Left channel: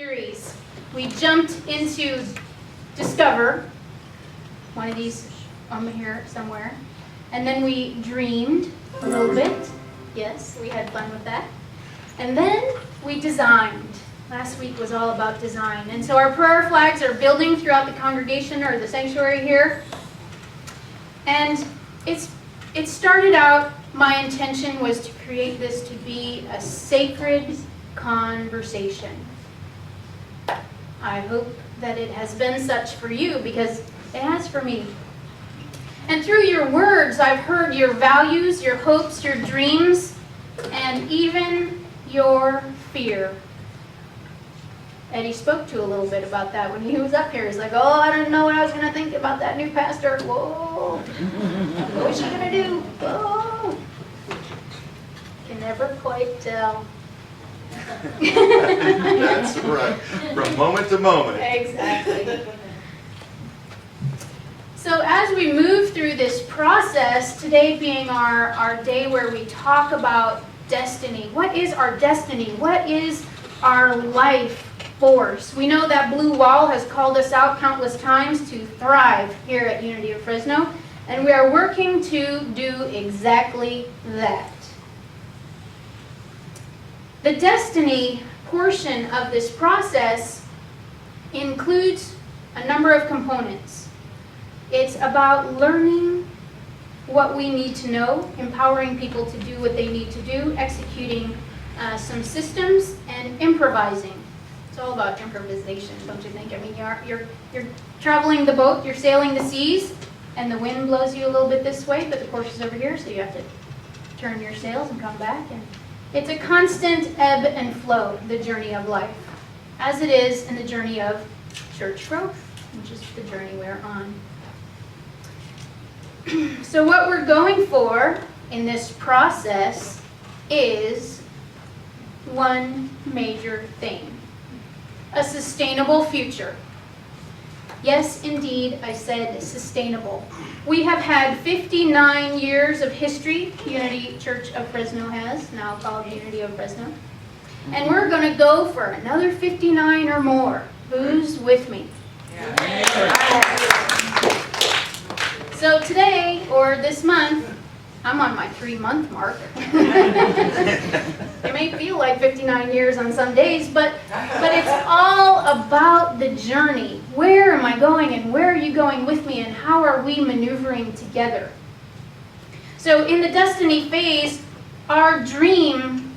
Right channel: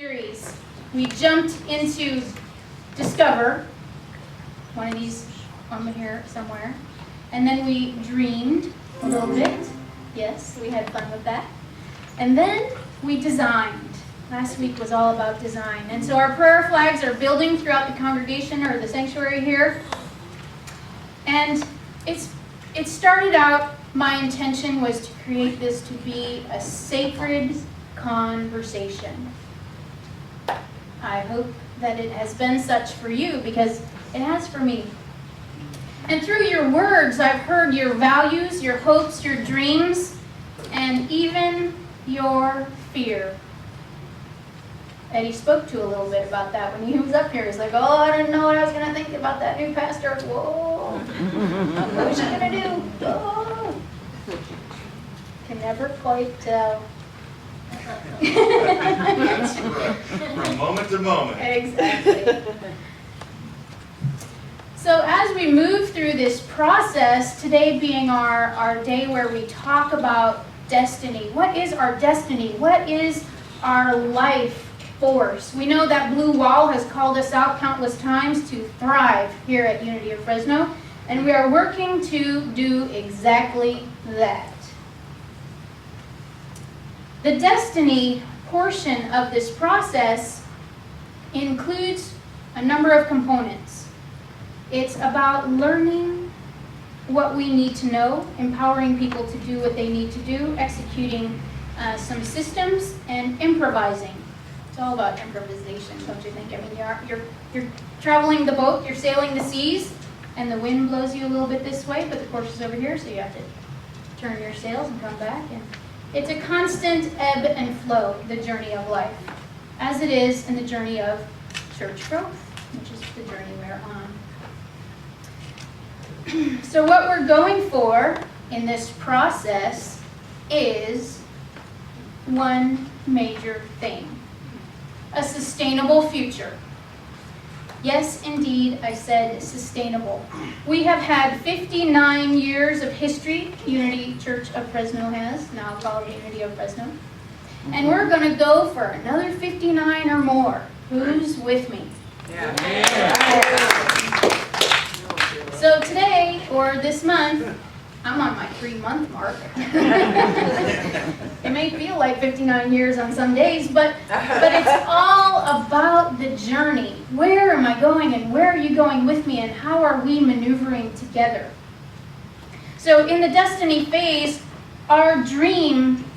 Series. We jumped into Discover, one of these on here somewhere, and then we dreamed a little bit. Yes, we had fun with that. And then we designed. Last week was all about design. And so our prayer flags are building throughout the congregation or the sanctuary here. And it started out, my intention was to create this to be a sacred conversation. I hope that it has been such for you, because it has for me. And through your words, I've heard your values, your hopes, your dreams, and even your fear. Eddie spoke to a little bit about that when he was up here. He's like, oh, I don't know what I was going to think about that new pastor. Whoa. What was she going to do? Oh. Can never quite tell. That's right. From moment to moment. Exactly. So as we move through this process, today being our day where we talk about destiny. What is our destiny? What is our life force? We know that Blue Wall has called us out countless times to thrive here at Unity of Fresno, and we are working to do exactly that. The destiny portion of this process includes a number of components. It's about learning what we need to know, empowering people to do what they need to do, executing some systems, and improvising. It's all about improvisation, don't you think? I mean, you're traveling the boat, you're sailing the seas, and the wind blows you a little bit this way, but the course is over here, so you have to turn your sails and come back. And it's a constant ebb and flow, the journey of life, as it is in the journey of church growth, which is the journey we're on. So what we're going for in this process is one major thing: a sustainable future. Yes, indeed, I said sustainable. We have had 59 years of history, Unity Church of Fresno has, now called Unity of Fresno. And we're going to go for another 59 or more. Who's with me? So today, or this month, I'm on my 3-month mark. It may feel like 59 years on some days, but it's all about the journey. Where am I going, and where are you going with me, and how are we maneuvering together? So in the destiny phase, our dream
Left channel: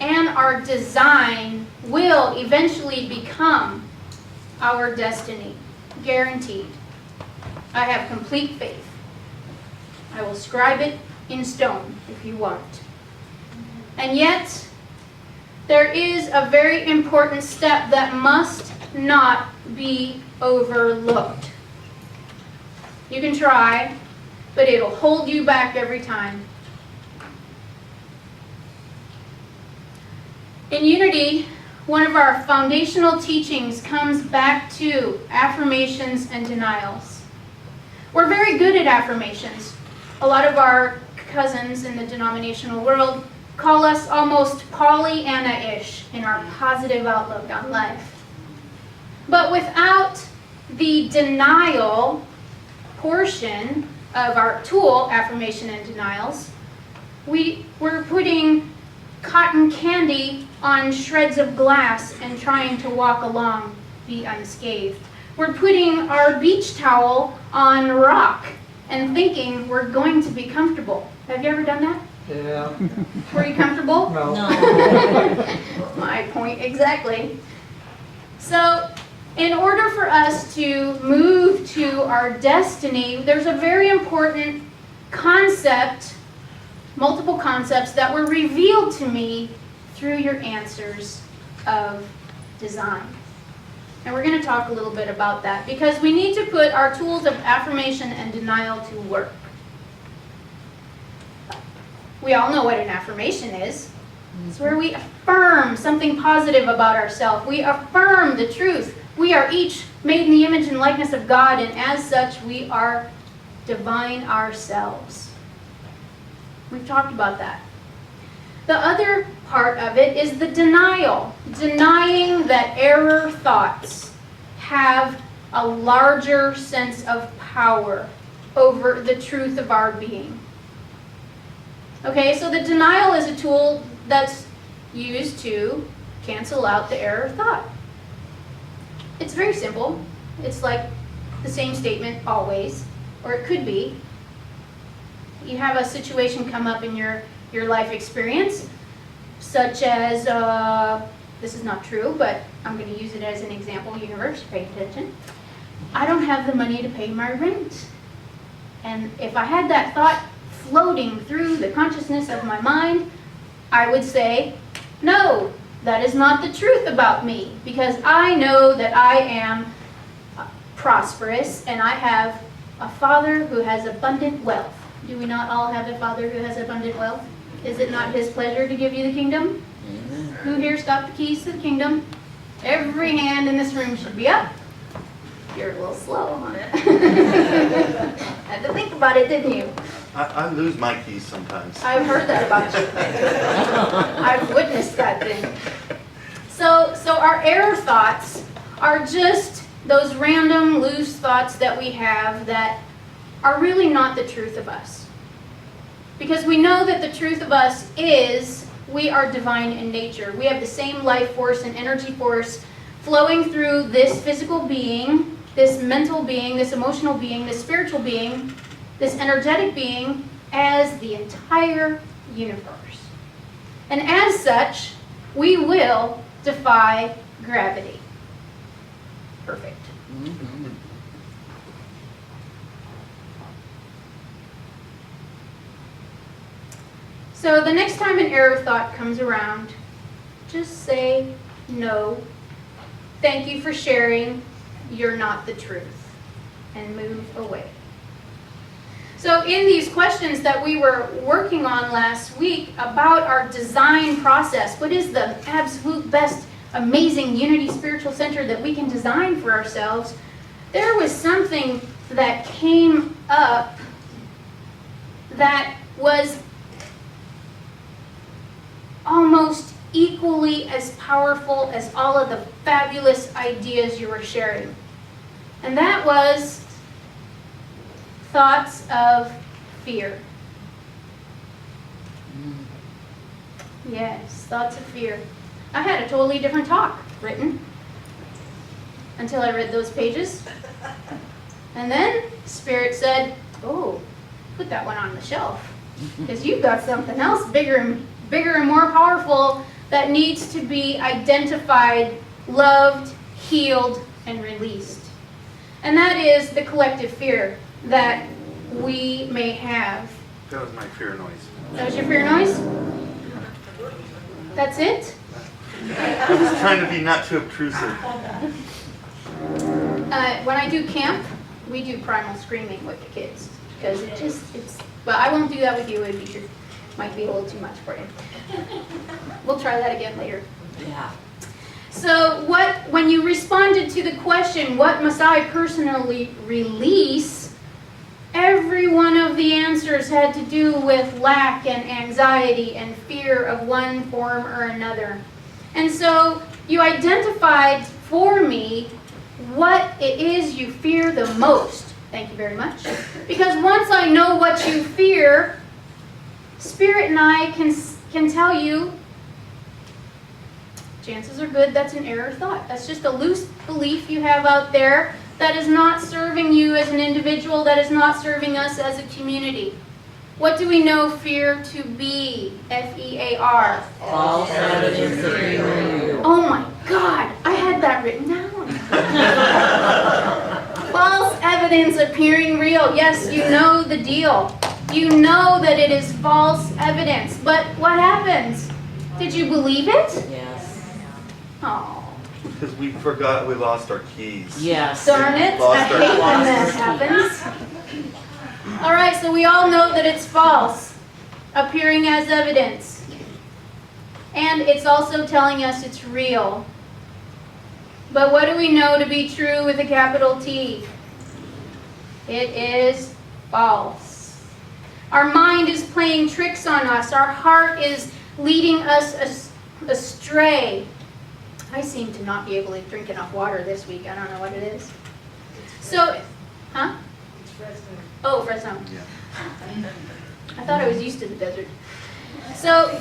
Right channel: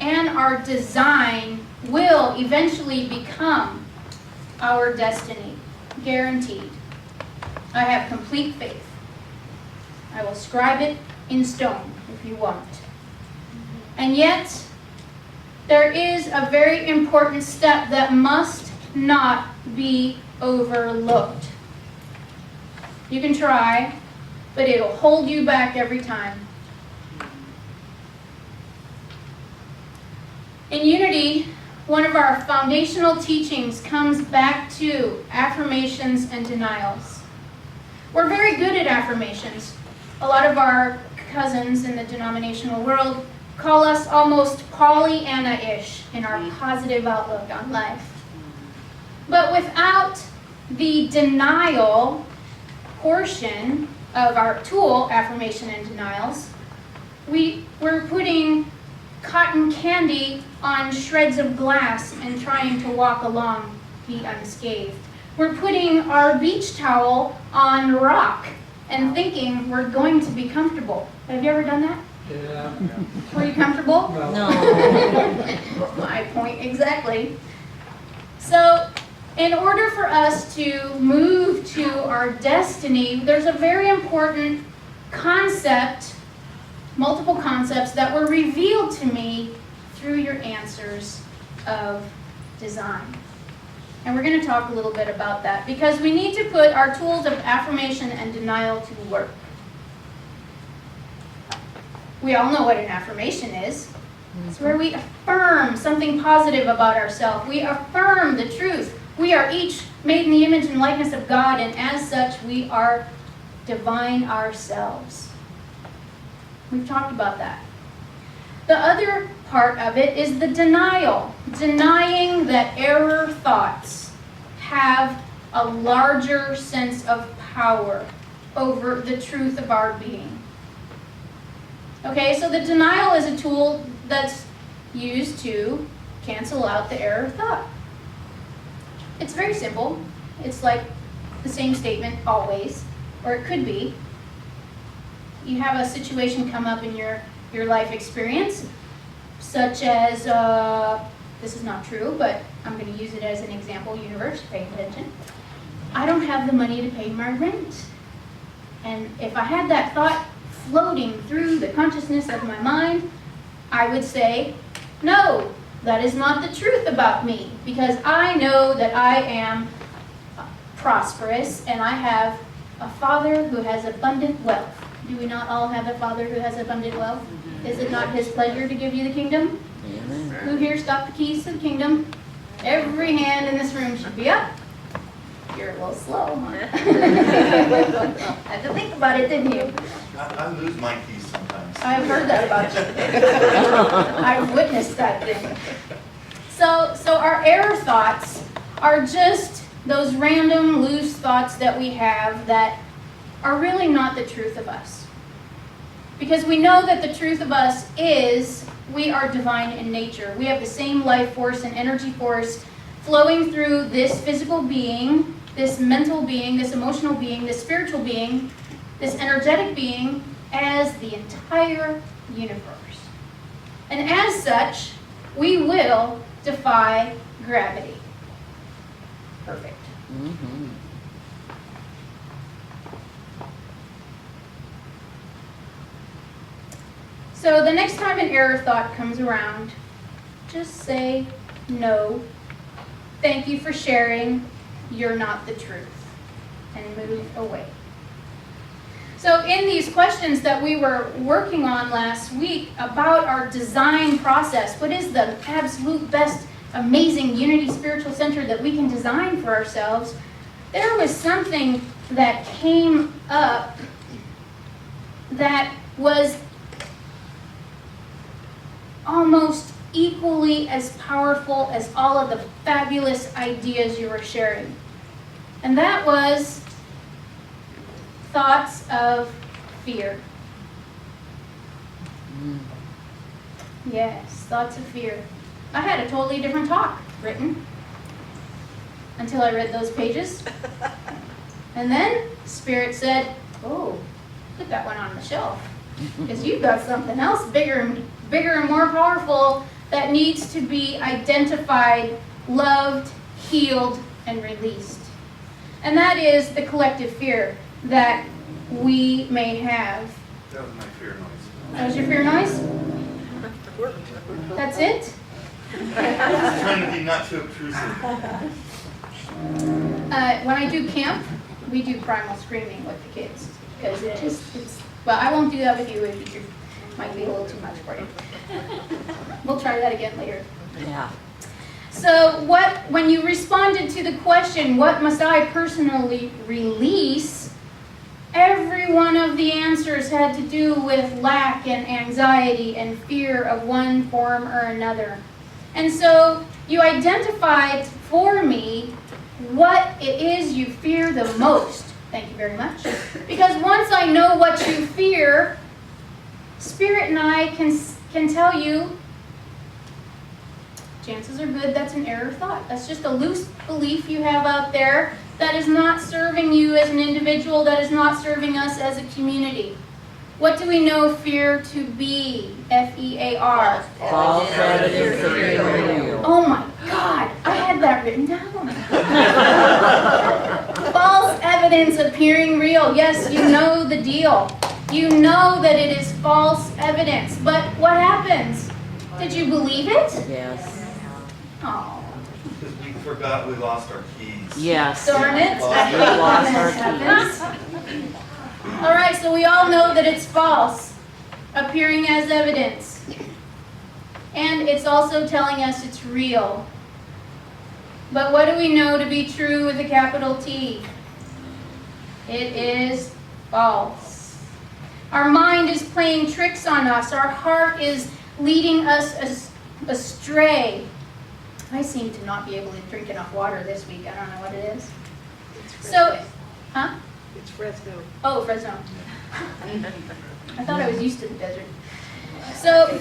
and our design will eventually become our destiny, guaranteed. I have complete faith. I will scribe it in stone if you want. And yet, there is a very important step that must not be overlooked. You can try, but it'll hold you back every time. In Unity, one of our foundational teachings comes back to affirmations and denials. We're very good at affirmations. A lot of our cousins in the denominational world call us almost Pollyanna-ish in our positive outlook on life. But without the denial portion of our tool, affirmation and denials, we're putting cotton candy on shreds of glass and trying to walk along the unscathed. We're putting our beach towel on rock and thinking we're going to be comfortable. Have you ever done that? Yeah. Were you comfortable? No. My point exactly. So, in order for us to move to our destiny, there's a very important concept, multiple concepts that were revealed to me through your answers of design. And we're going to talk a little bit about that, because we need to put our tools of affirmation and denial to work. We all know what an affirmation is. It's where we affirm something positive about ourselves. We affirm the truth. We are each made in the image and likeness of God, and as such, we are divine ourselves. We've talked about that. The other part of it is the denial. Denying that error thoughts have a larger sense of power over the truth of our being. Okay, so the denial is a tool that's used to cancel out the error thought. It's very simple. It's like the same statement always, or it could be. You have a situation come up in your life experience, such as, this is not true, but I'm going to use it as an example, universe, pay attention. I don't have the money to pay my rent. And if I had that thought floating through the consciousness of my mind, I would say, no, that is not the truth about me, because I know that I am prosperous and I have a Father who has abundant wealth. Do we not all have a Father who has abundant wealth? Is it not His pleasure to give you the kingdom? Amen. Who here's got the keys to the kingdom? Every hand in this room should be up. You're a little slow, huh? Had to think about it, didn't you? I lose my keys sometimes. I've heard that about you. I've witnessed that thing. So our error thoughts are just those random, loose thoughts that we have that are really not the truth of us. Because we know that the truth of us is we are divine in nature. We have the same life force and energy force flowing through this physical being, this mental being, this emotional being, this spiritual being, this energetic being, as the entire universe. And as such, we will defy gravity. Perfect. Mm-hmm. So the next time an error thought comes around, just say, no, thank you for sharing, you're not the truth, and move away. So in these questions that we were working on last week about our design process, what is the absolute best, amazing Unity Spiritual Center that we can design for ourselves, there was something that came up that was almost equally as powerful as all of the fabulous ideas you were sharing. And that was thoughts of fear. Yes, thoughts of fear. I had a totally different talk written until I read those pages. And then Spirit said, oh, put that one on the shelf, because you've got something else bigger and more powerful that needs to be identified, loved, healed, and released. And that is the collective fear that we may have. That was my fear noise. That was your fear noise? That's it? I was trying to be not too obtrusive. When I do camp, we do primal screaming with the kids, because well, I won't do that with you, it might be a little too much for you. We'll try that again later. Yeah. So when you responded to the question, what must I personally release, every one of the answers had to do with lack and anxiety and fear of one form or another. And so you identified for me what it is you fear the most. Thank you very much. Because once I know what you fear, Spirit and I can tell you, chances are good that's an error thought. That's just a loose belief you have out there that is not serving you as an individual, that is not serving us as a community. What do we know fear to be? F-E-A-R. False evidence appearing real. Oh my God, I had that written down. False evidence appearing real. Yes, you know the deal. You know that it is false evidence. But what happens? Did you believe it? Yes. Oh. Because we forgot we lost our keys. Yes. Darn it. I hate when Lost that our happens. All right, so we all know that it's false, appearing as evidence. And it's also telling us it's real. But what do we know to be true with a capital T? It is false. Our mind is playing tricks on us. Our heart is leading us astray. I seem to not be able to drink enough water this week. I don't know what it is. So, huh? It's Fresno. Oh, Fresno. Yeah. I thought I was used to the desert. So,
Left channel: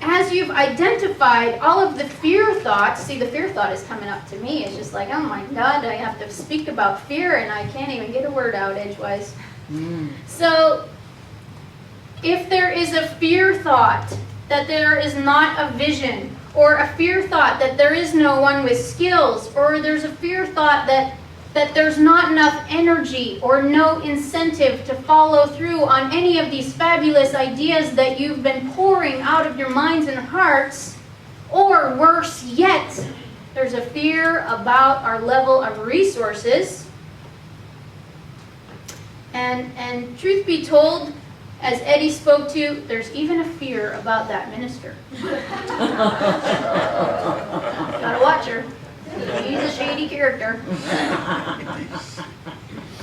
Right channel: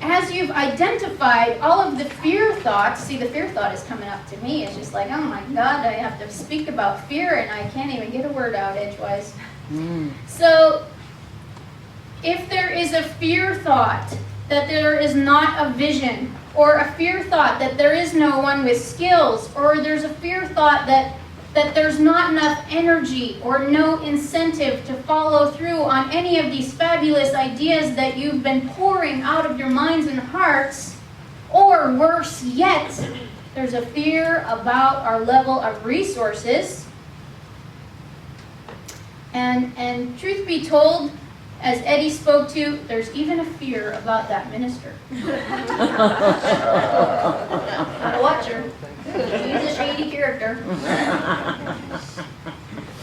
as you've identified all of the fear thoughts, see, the fear thought is coming up to me. It's just like, oh my God, I have to speak about fear and I can't even get a word out edgewise. So, if there is a fear thought that there is not a vision, or a fear thought that there is no one with skills, or there's a fear thought that there's not enough energy or no incentive to follow through on any of these fabulous ideas that you've been pouring out of your minds and hearts, or worse yet, there's a fear about our level of resources. And truth be told, as Eddie spoke to, there's even a fear about that minister. Gotta watch her. He's a shady character.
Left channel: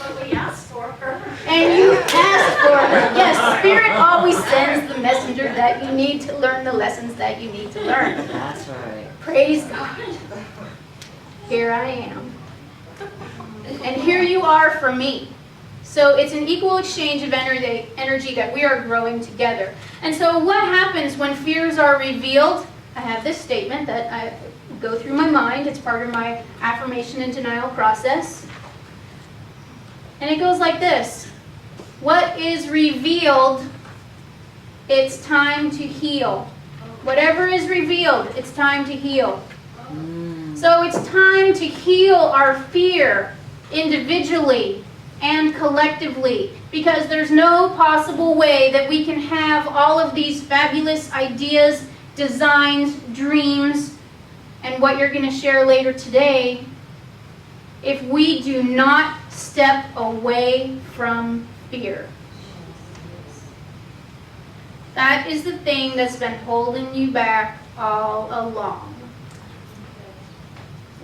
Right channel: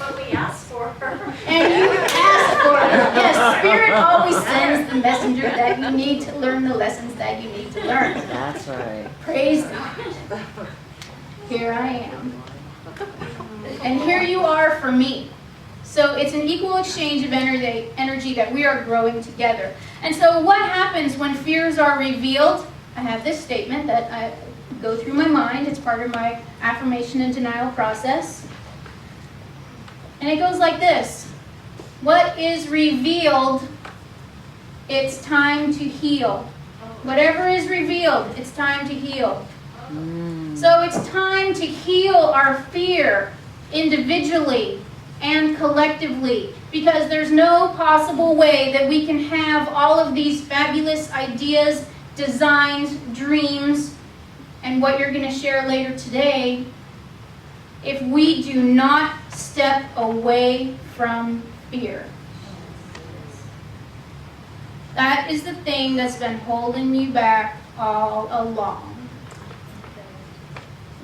What we asked for. And you asked for her. Yes, Spirit always sends the messenger that you need to learn the lessons that you need to learn. That's right. Praise God. Here I am. And here you are for me. So it's an equal exchange of energy that we are growing together. And so what happens when fears are revealed? I have this statement that I go through my mind. It's part of my affirmation and denial process. And it goes like this. What is revealed, it's time to heal. Whatever is revealed, it's time to heal. So it's time to heal our fear individually and collectively, because there's no possible way that we can have all of these fabulous ideas, designs, dreams, and what you're going to share later today if we do not step away from fear. That is the thing that's been holding you back all along.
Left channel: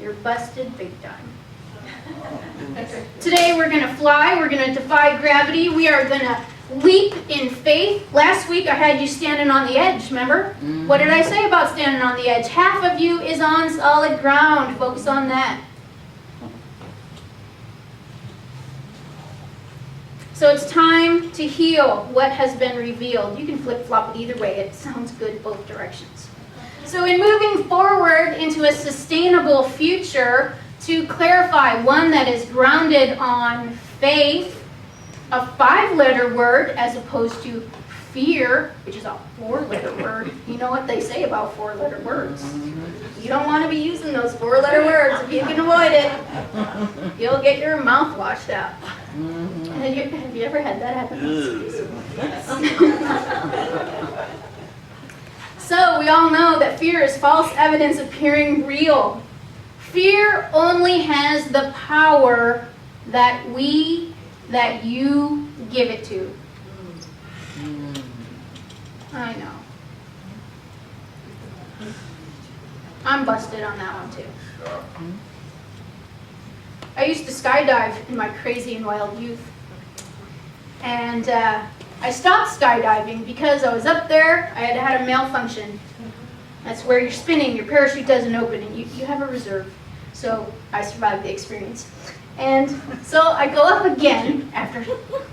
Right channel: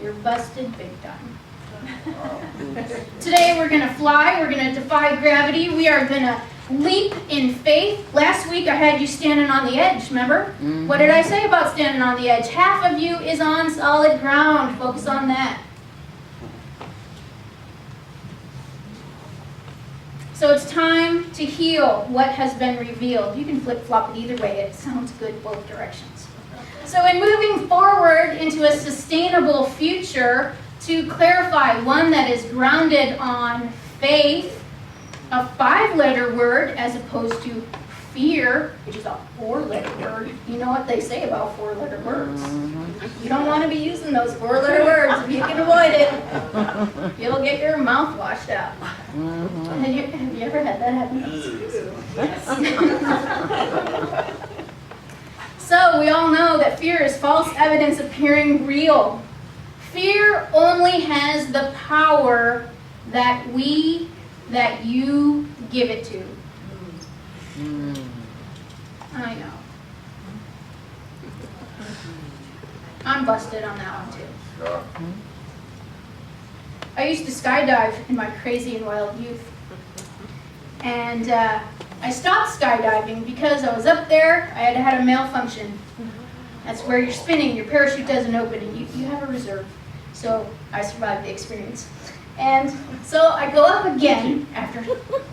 You're busted big time. Today we're going to fly, we're going to defy gravity, we are going to leap in faith. Last week I had you standing on the edge, remember? What did I say about standing on the edge? Half of you is on solid ground. Focus on that. So it's time to heal what has been revealed. You can flip-flop it either way. It sounds good both directions. So in moving forward into a sustainable future, to clarify, one that is grounded on faith, a 5-letter word as opposed to fear, which is a 4-letter word. You know what they say about 4-letter words. You don't want to be using those 4-letter words if you can avoid it. You'll get your mouth washed out. Have you ever had that happen? So we all know that fear is false evidence appearing real. Fear only has the power that you give it to. I know. I'm busted on that one too. I used to skydive in my crazy and wild youth. And I stopped skydiving because I was up there, I had a malfunction. That's where you're spinning, your parachute doesn't open, and you have a reserve. So I survived the experience. And so I go up again, after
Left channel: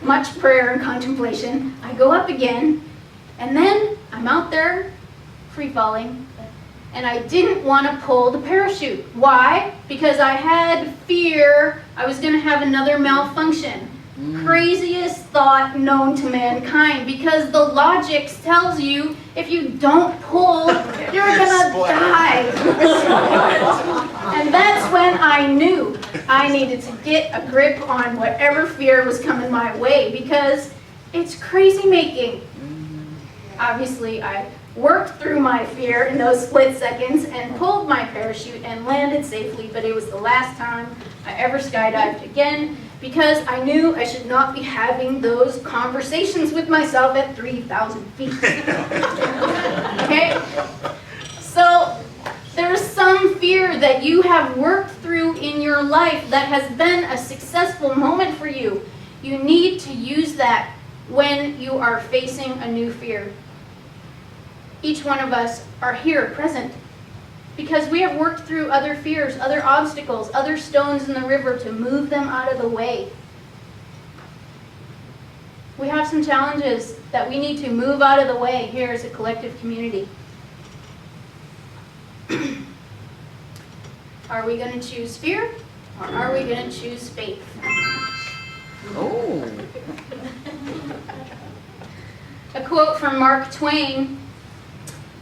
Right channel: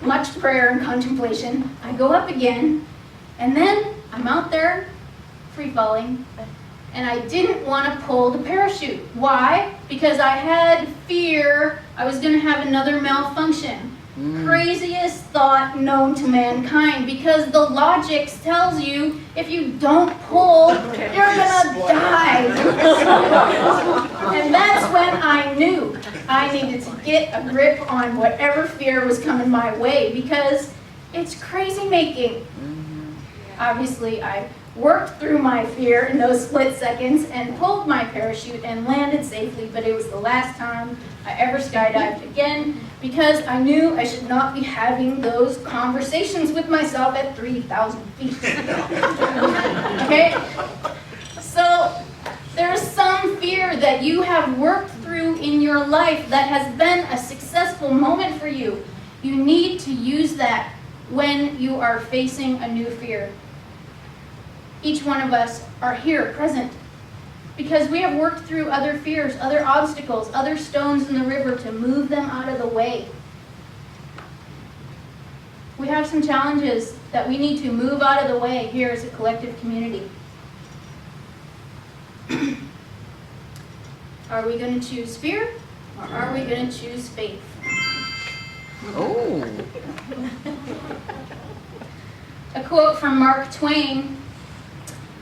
much prayer and contemplation, I go up again, and then I'm out there free falling, and I didn't want to pull the parachute. Why? Because I had fear I was going to have another malfunction. Craziest thought known to mankind, because the logic tells you if you don't pull, you're gonna die. And that's when I knew I needed to get a grip on whatever fear was coming my way, because it's crazy making. Obviously, I worked through my fear in those split seconds and pulled my parachute and landed safely, but it was the last time I ever skydived again, because I knew I should not be having those conversations with myself at 3,000 feet. Okay? So there's some fear that you have worked through in your life that has been a successful moment for you. You need to use that when you are facing a new fear. each one of us are here present because we have worked through other fears, other obstacles, other stones in the river to move them out of the way. We have some challenges that we need to move out of the way here as a collective community. Are we going to choose fear or are we going to choose faith? Oh. A quote from Mark Twain.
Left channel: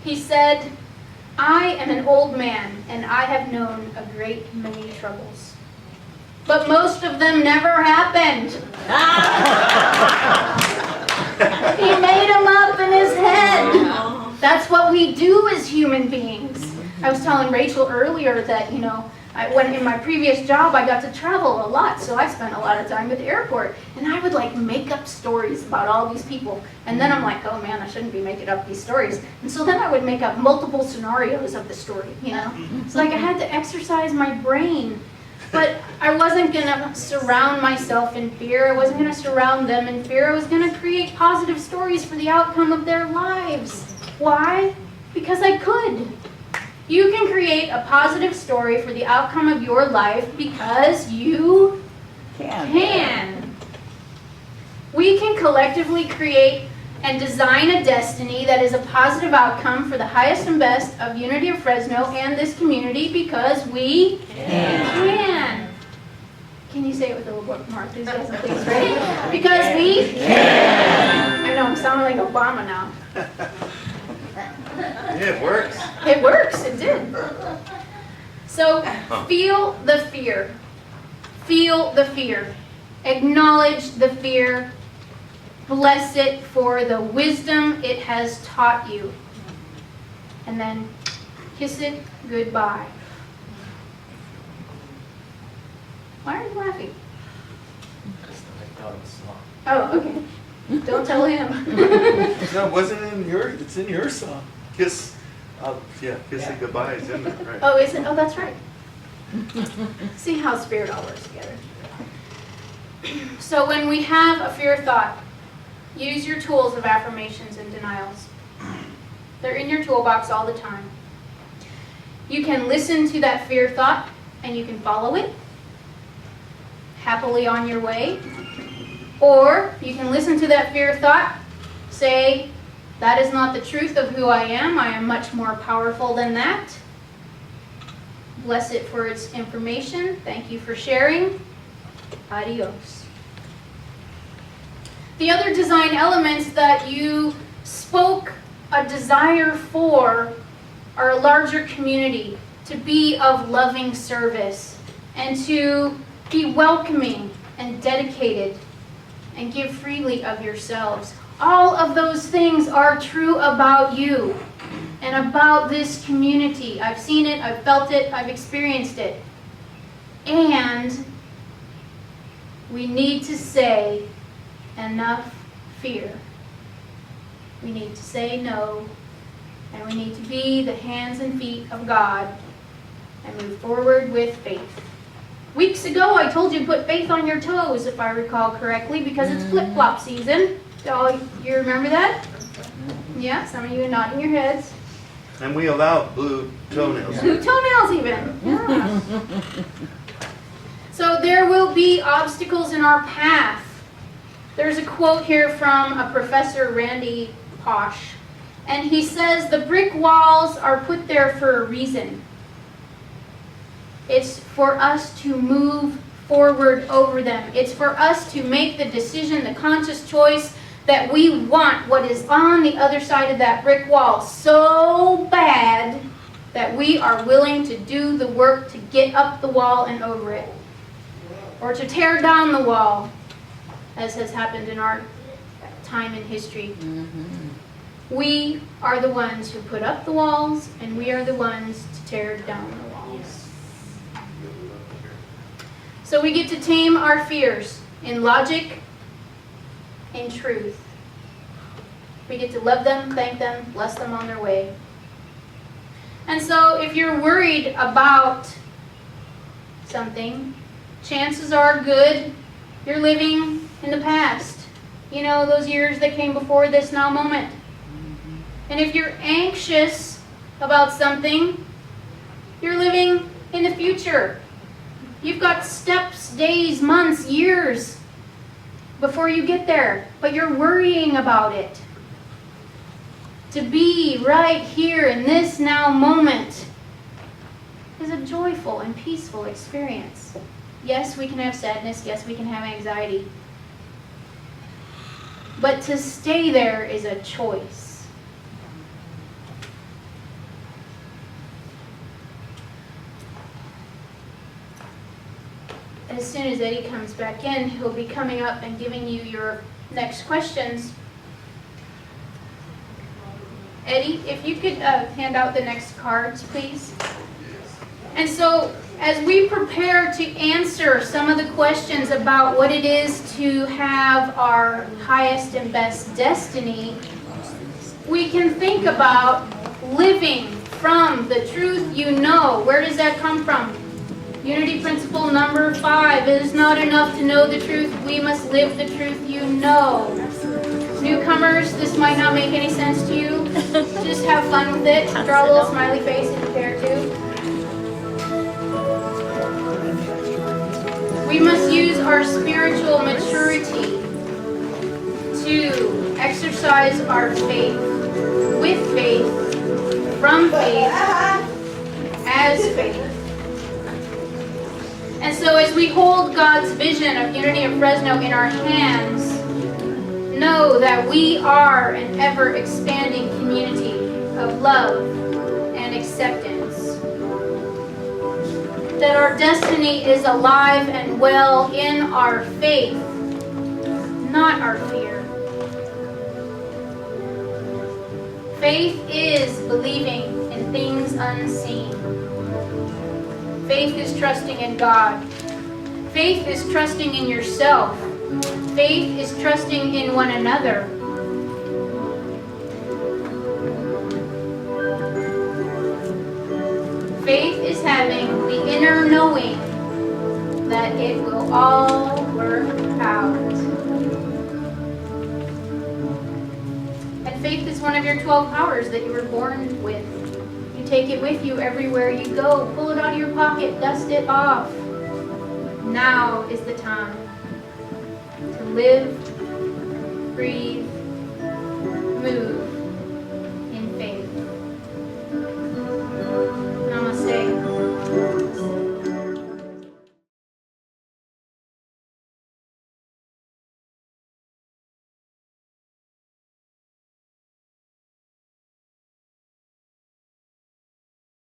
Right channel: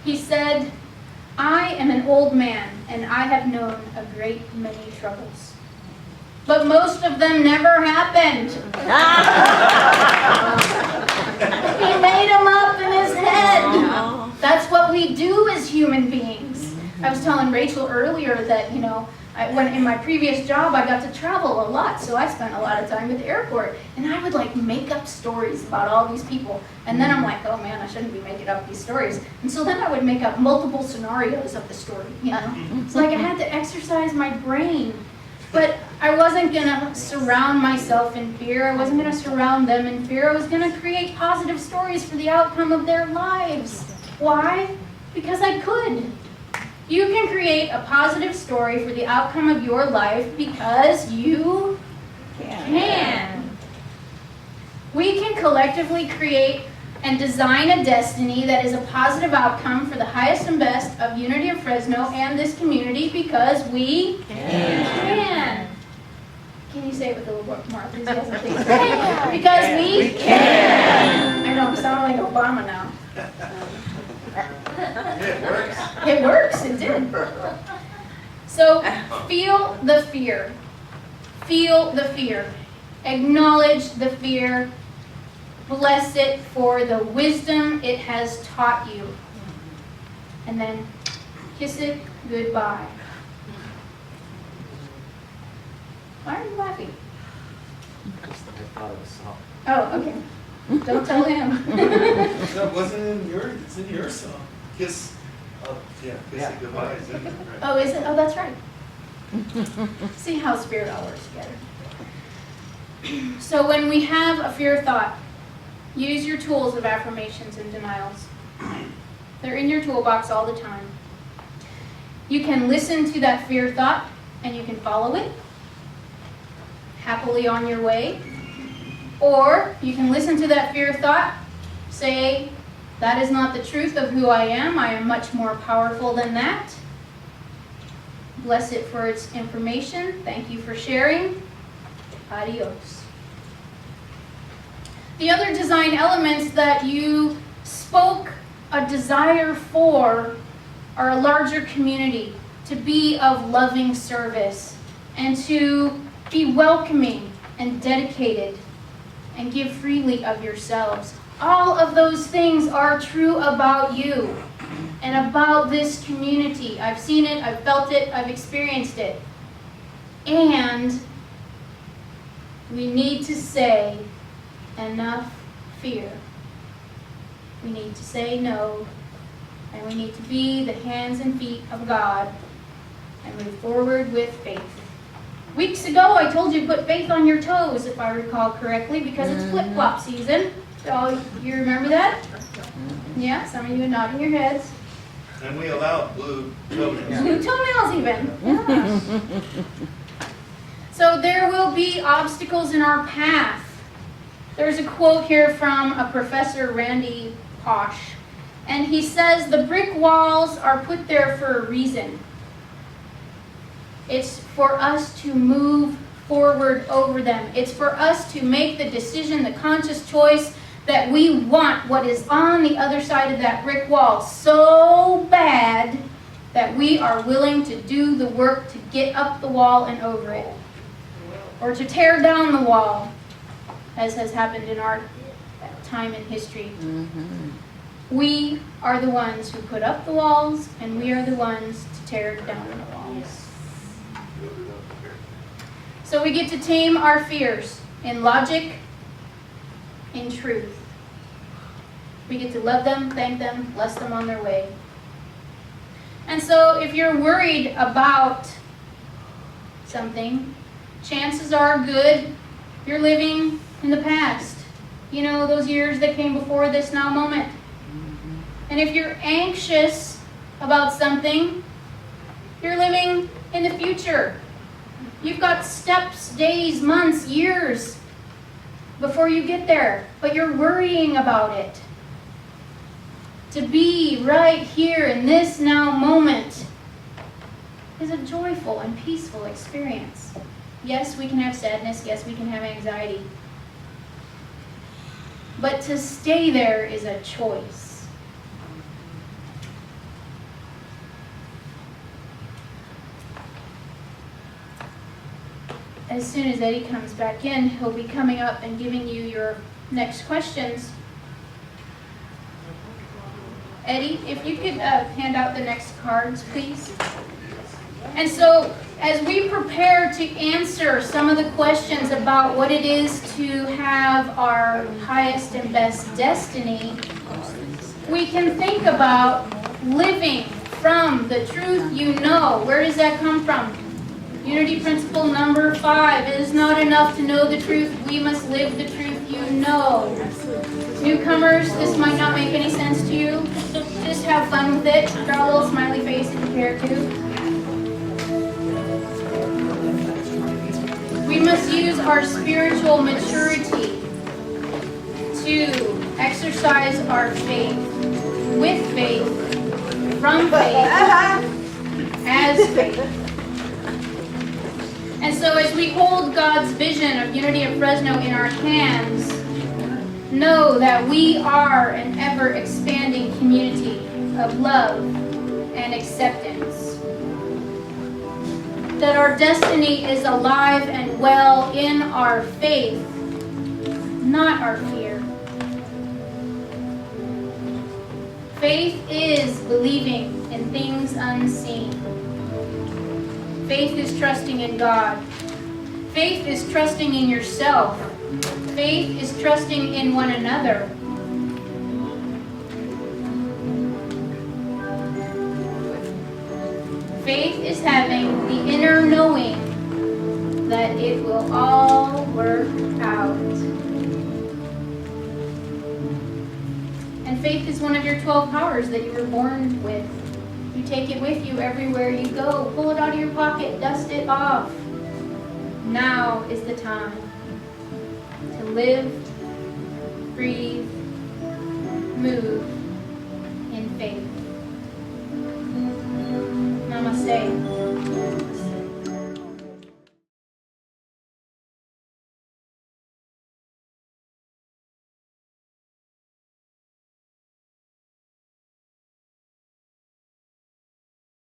He said, "I am an old man and I have known a great many troubles, but most of them never happened." He made them up in his head. That's what we do as human beings. I was telling Rachel earlier that, when in my previous job, I got to travel a lot, so I spent a lot of time at the airport, and I would make up stories about all these people, and then I'm like, oh man, I shouldn't be making up these stories, and so then I would make up multiple scenarios of the story, It's like I had to exercise my brain, but I wasn't going to surround myself in fear. I wasn't going to surround them in fear. I was going to create positive stories for the outcome of their lives. Why? Because I could. You can create a positive story for the outcome of your life because you can. We can collectively create and design a destiny that is a positive outcome for the highest and best of Unity of Fresno and this community because we can. Can you say it with a little bit more enthusiasm, please? Right? Because we can. I know, I'm sounding like Obama now. It works. It works, it did. So, feel the fear. Feel the fear. Acknowledge the fear. Bless it for the wisdom it has taught you. And then kiss it goodbye. Why are you laughing? Just I thought of a song. Oh, okay. Don't tell him. No, it wasn't in it's in your song. Kiss it goodbye is in there, right? Oh, is it? Oh, that's right. See how spirit all works together. So when we have a fear thought, use your tools of affirmations and denials. They're in your toolbox all the time. You can listen to that fear thought and you can follow it happily on your way. Or you can listen to that fear thought, say, that is not the truth of who I am much more powerful than that. Bless it for its information. Thank you for sharing. Adios. The other design elements that you spoke a desire for are a larger community, to be of loving service, and to be welcoming and dedicated, and give freely of yourselves. All of those things are true about you and about this community. I've seen it, I've felt it, I've experienced it. And we need to say enough fear. We need to say no, and we need to be the hands and feet of God and move forward with faith. Weeks ago, I told you to put faith on your toes, if I recall correctly, because it's flip-flop season. So you remember that? Yeah, some of you are nodding your heads. And we allow blue toenails. Blue toenails even. Yeah. So there will be obstacles in our path. There's a quote here from a professor, Randy Posh, and he says, the brick walls are put there for a reason. It's for us to move forward over them. It's for us to make the decision, the conscious choice that we want what is on the other side of that brick wall so bad that we are willing to do the work to get up the wall and over it. Or to tear down the wall, as has happened in our time in history. We are the ones who put up the walls, and we are the ones to tear down the walls. So we get to tame our fears in logic, in truth. We get to love them, thank them, bless them on their way. And so if you're worried about something, chances are good you're living in the past. You know, those years that came before this now moment. And if you're anxious about something, you're living in the future. You've got steps, days, months, years before you get there, but you're worrying about it. To be right here in this now moment is a joyful and peaceful experience. Yes, we can have sadness. Yes, we can have anxiety. But to stay there is a choice. As soon as Eddie comes back in, he'll be coming up and giving you your next questions. Eddie, if you could hand out the next cards, please. And so, as we prepare to answer some of the questions about what it is to have our highest and best destiny, we can think about living from the truth you know. Where does that come from? Unity principle number 5. It is not enough to know the truth. We must live the truth you know. Newcomers, this might not make any sense to you. Just have fun with it. Draw a little smiley face if you care to. We must use our spiritual maturity to exercise our faith, with faith, from faith, as faith. And so as we hold God's vision of Unity of Fresno in our hands, know that we are an ever-expanding community of love and acceptance. That our destiny is alive and well in our faith, not our fear. Faith is believing in things unseen. Faith is trusting in God. Faith is trusting in yourself. Faith is trusting in one another. Faith is having the inner knowing that it will all work out. And faith is one of your 12 powers that you were born with. You take it with you everywhere you go. Pull it out of your pocket, dust it off. Now is the time to live, breathe, move,